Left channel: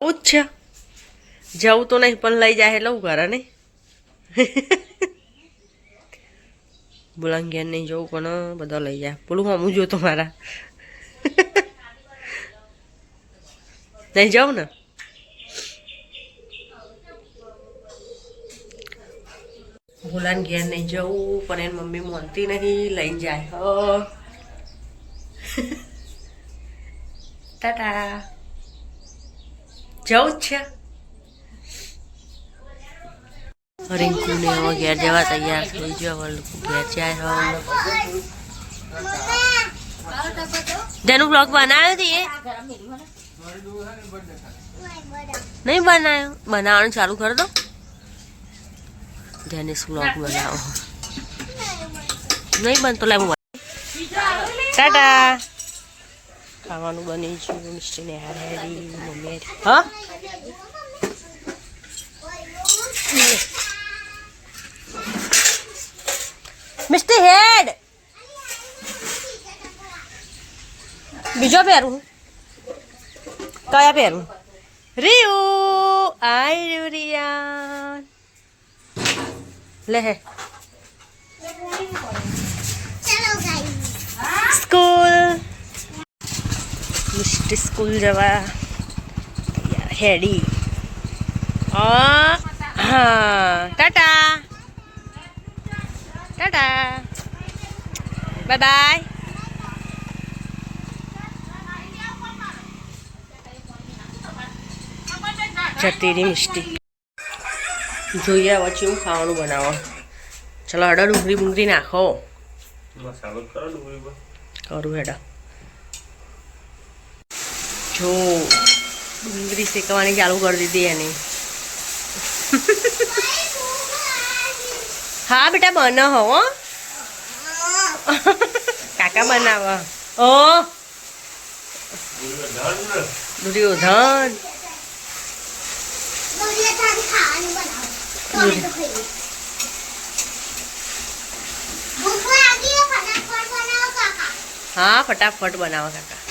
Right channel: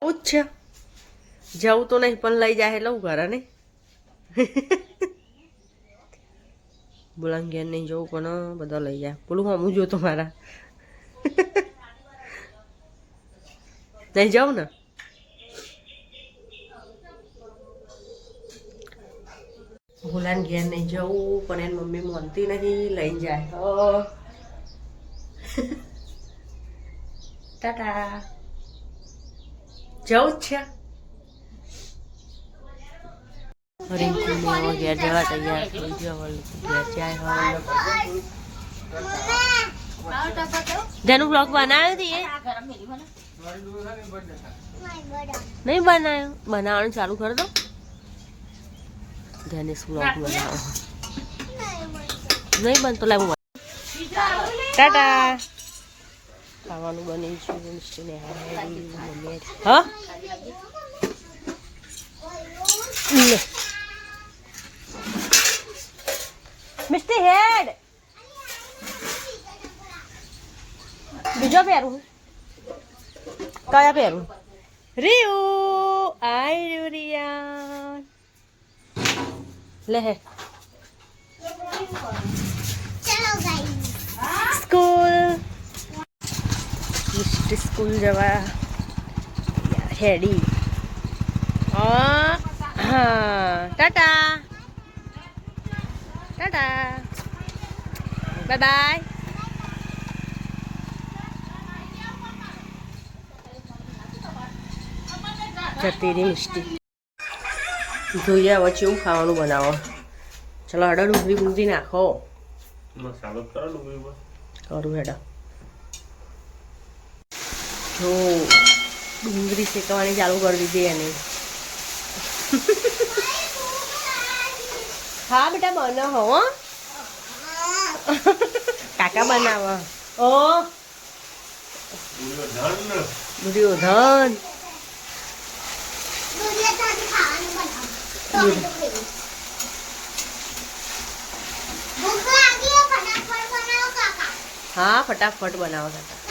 છે જવું તો નહીં પણ લઈ જાય લઉં ઘરે નહીં બોલાંગેર નહીં જવું પણ બધા લઈ જાય બોલું હમું જો તો મારા નહીં જાઉં ને ભૂલાને ઘેર નહીં જવું પણ એની મમ્મી માનતી નહીં લઈને જાય ટાટા જવું જ છે રિંકુને ઘેર જવા તૈયાર થઈ ગયો ઘેર જાય જેનું બ્લોગ બનાવ્યો હતી એ નહીં બનાવ્યો બનાવવાનું ચાલુ કરી દો જેને બ્લોગ બનાવો નહીં બનતો લાવું ટાટા ખાવાનું બની છે મિસ્ટીને હારી મમ્મી હા લે મિસ્ટી હેડ બીજો પહેરું કયા પહેરું રિયુ આઈ રહ્યું રિયા લે હે સ્કૂલ મિસ્ટી સ્કૂલ જવા હેડી હા ટાટા ટાટા બાય બાય જતી રહી મિસ્ટી જોઈએ હવે શું ખાવાનું બનાવો ચલો હડા ડુંગળી બુંગળી નાખો મસાલો કરો ડુંગળી પર કરું હેડા જો ડુંગળી શેકવાની ચાલુ કરી દીધી એની હા બેટા બનાવો હો કાકા બનાવો ઓ દુર્યોધન હા ફટાફટ બનાવો કાકા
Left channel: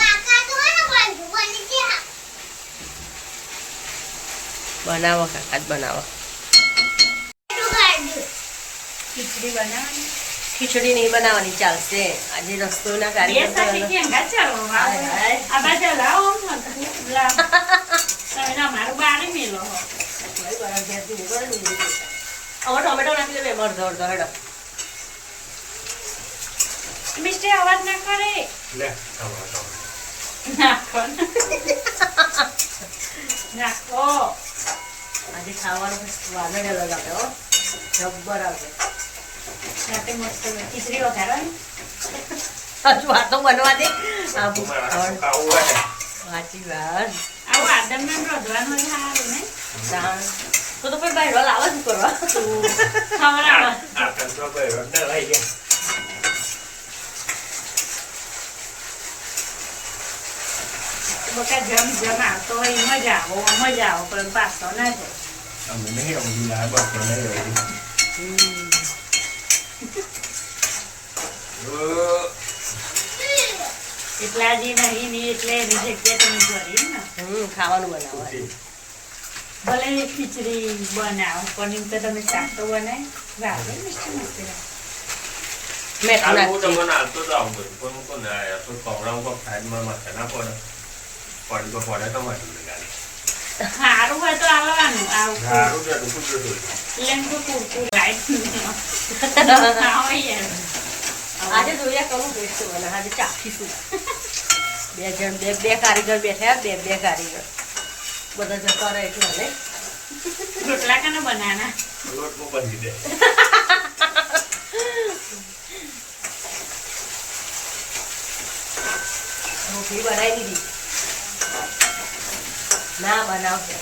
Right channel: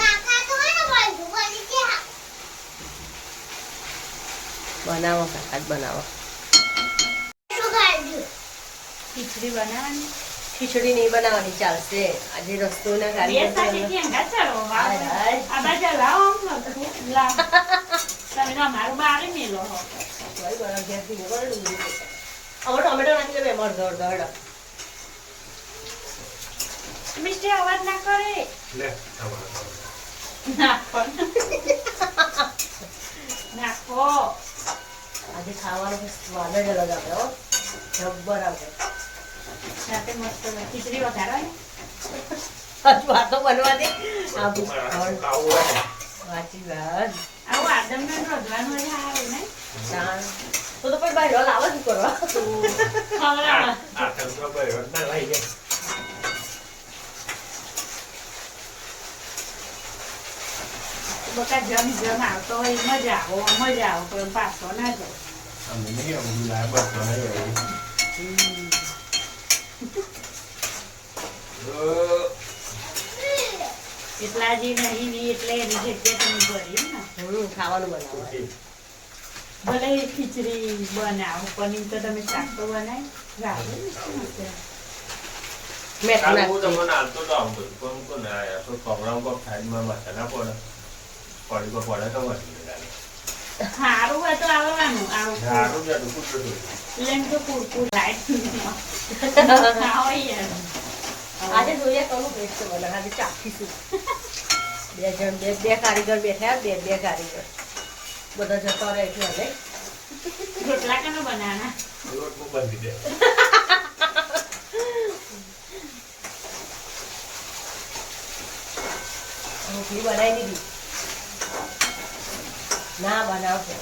બનાવો કાકા જ બનાવો ખીચડી નહીં બનાવવાની ચાલશે આજે રસ્તોના ટોમેટો નાખી દે અડધો અડધો હેડો મિસ્ટી અવાજ ના કરે નાખો નાખો આજે ખાવાનો સ્વાદ જ અલગ આવ્યો જબ્બર આવશે સાથે મસ્ત ખીચડી વધારે હજુ વાતો બનવા દે સાચી વાત આવું આદમને રોજવાનું સારું ને તો પછી બાયરો લાવવા શું કરવા બકા જમ જમ આવતો હોય મજા આવો પણ પાછો ના જાય એટલા જે નહીં ને એટલે એની જગ્યા તમે કરી ને ખાવાનું બનાવવા ભલે ખીચડી બનાવો પનીર તો તમે શાક તો બનાવી રાખો સારું હોય તો આવવાનું આજે જોઈએ કરું બેસ્ટ બને આજે ચાખીશું બે કારીગર બેઠા બે કારીગર બધા જતા રહે છે અને રોટલા કને બનાના રોટલી બનાવી દીધી ના બનાવશે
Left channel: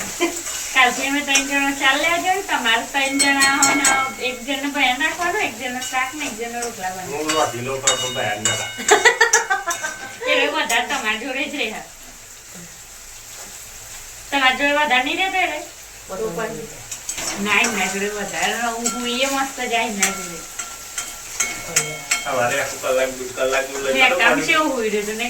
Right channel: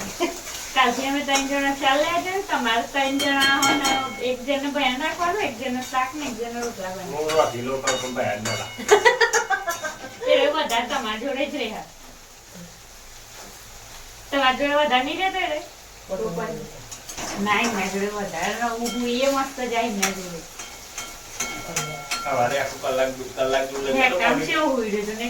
કાલથી અમે 3 જણા ચાલ્યા છે તમારે 3 જણા હોય ને એક જણને ભેણ રાખવાનું એક જણને શાક ને એક જણને રોટલા બનાવવાનું એ વધારે તમારા જોડે જ રહ્યા તમારા જોડે વધારે નહીં રહેતો એટલે બરોબર ના એમના જોડે વધારે હું એ મસ્ત જાય એમના જોડે સવારે આખું કલાક કામ છે એવું હોય રહ્યું ને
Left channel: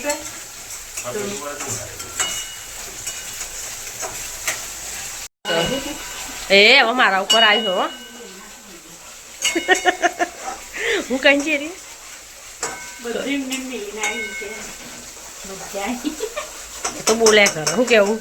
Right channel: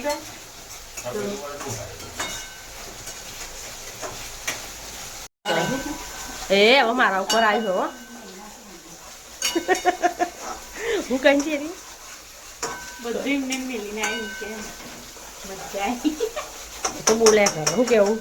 એ હવે મારા ઉપર આવ્યો હો હું કઈ છે રે બધી એમને મિલીને આવી છે બધા તો બોલ્યા કરો હું કેવું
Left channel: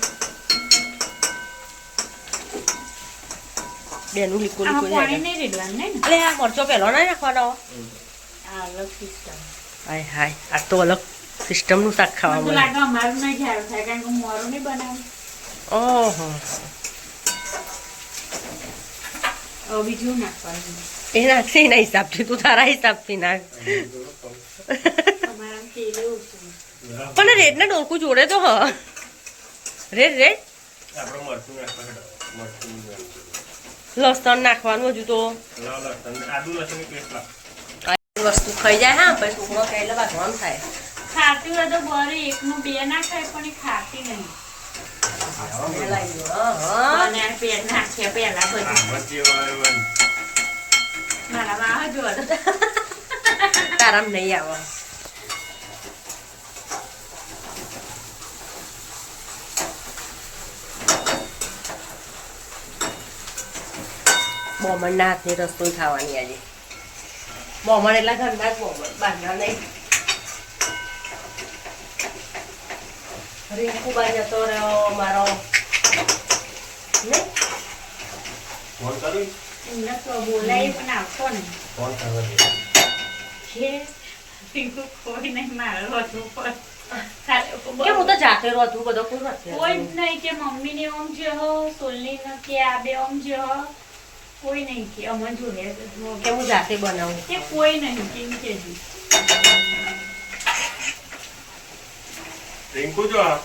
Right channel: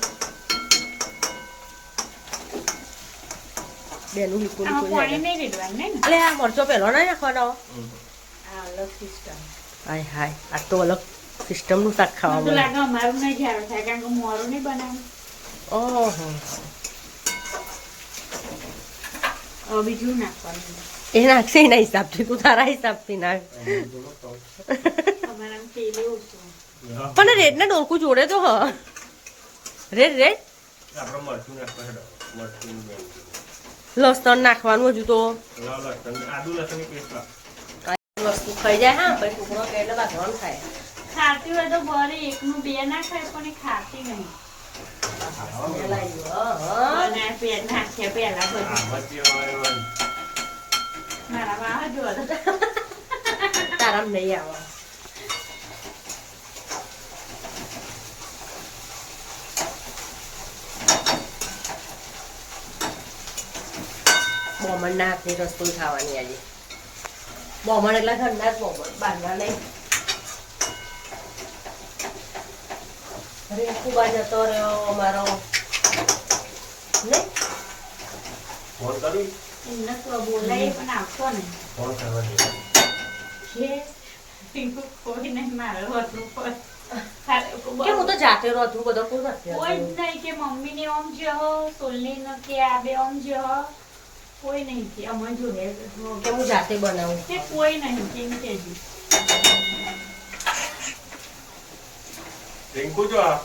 બેનું લીકો લીકો પાણી નહીં રેડવાનું ને અલે આ મરચો પેલો ના નાખવાનો આ અલગ સિસ્ટમ હાય હાય આ તો અલગ સિસ્ટમનું શાક ખાવા મને મળે લાગે અમારું નહીં ઝાડું થાય કારણ કે મોરું નહીં બનાવ્યું ઓહો હવે બીજું નાખવાનું એ નાખી એના હિસાબથી તું તારા હિસાબથી નાખ અમારા તેલ ઓછું પણ રેડ ને ડોલકું જોડે તો હ રેડ રેડ આપણે મરચું નાખવા હેડો મરચું લસણ નાખવાનું હજુ તો લસણ આદુ લસણની પેસ્ટ લાવ આ વસ્તુ ખાઈ જાય હા પછી છોકરો ખાઈ એટલે ભાગવાનું થાય ખાતી હોય તો બરે એકનું બે ના ખાય પણ એ ખાતી નહીં અને પેટ નાખીએ પહેલા બધું મારામાં આવે જો તારામ નહીં આવે બોમણના હાથની રસોઈ ખાવાની આજે બોમણ એટલા ઠંડા જ બોમણ બહારના નહીં રીંકુ બા જતો રહ્યો મારો નહીં ફોન કરું એમને તો બોલાય પણ આવતો નહીં ફોન કરવા દે છે ટીંકુ કોઈ નહીં મારે હતું પણ કે હું તો જાતે રહું છું બધો કોઈ નથી કોઈ જ નહીં કે મમ્મી ને ઓમ જે હો સોલની ને કે આ બે ઓમ જે હો કોઈ નહીં કે અમે જોડે કે હું જાતે બનાવું કે કોઈ નહીં કેમ કે રિંકુ જો આ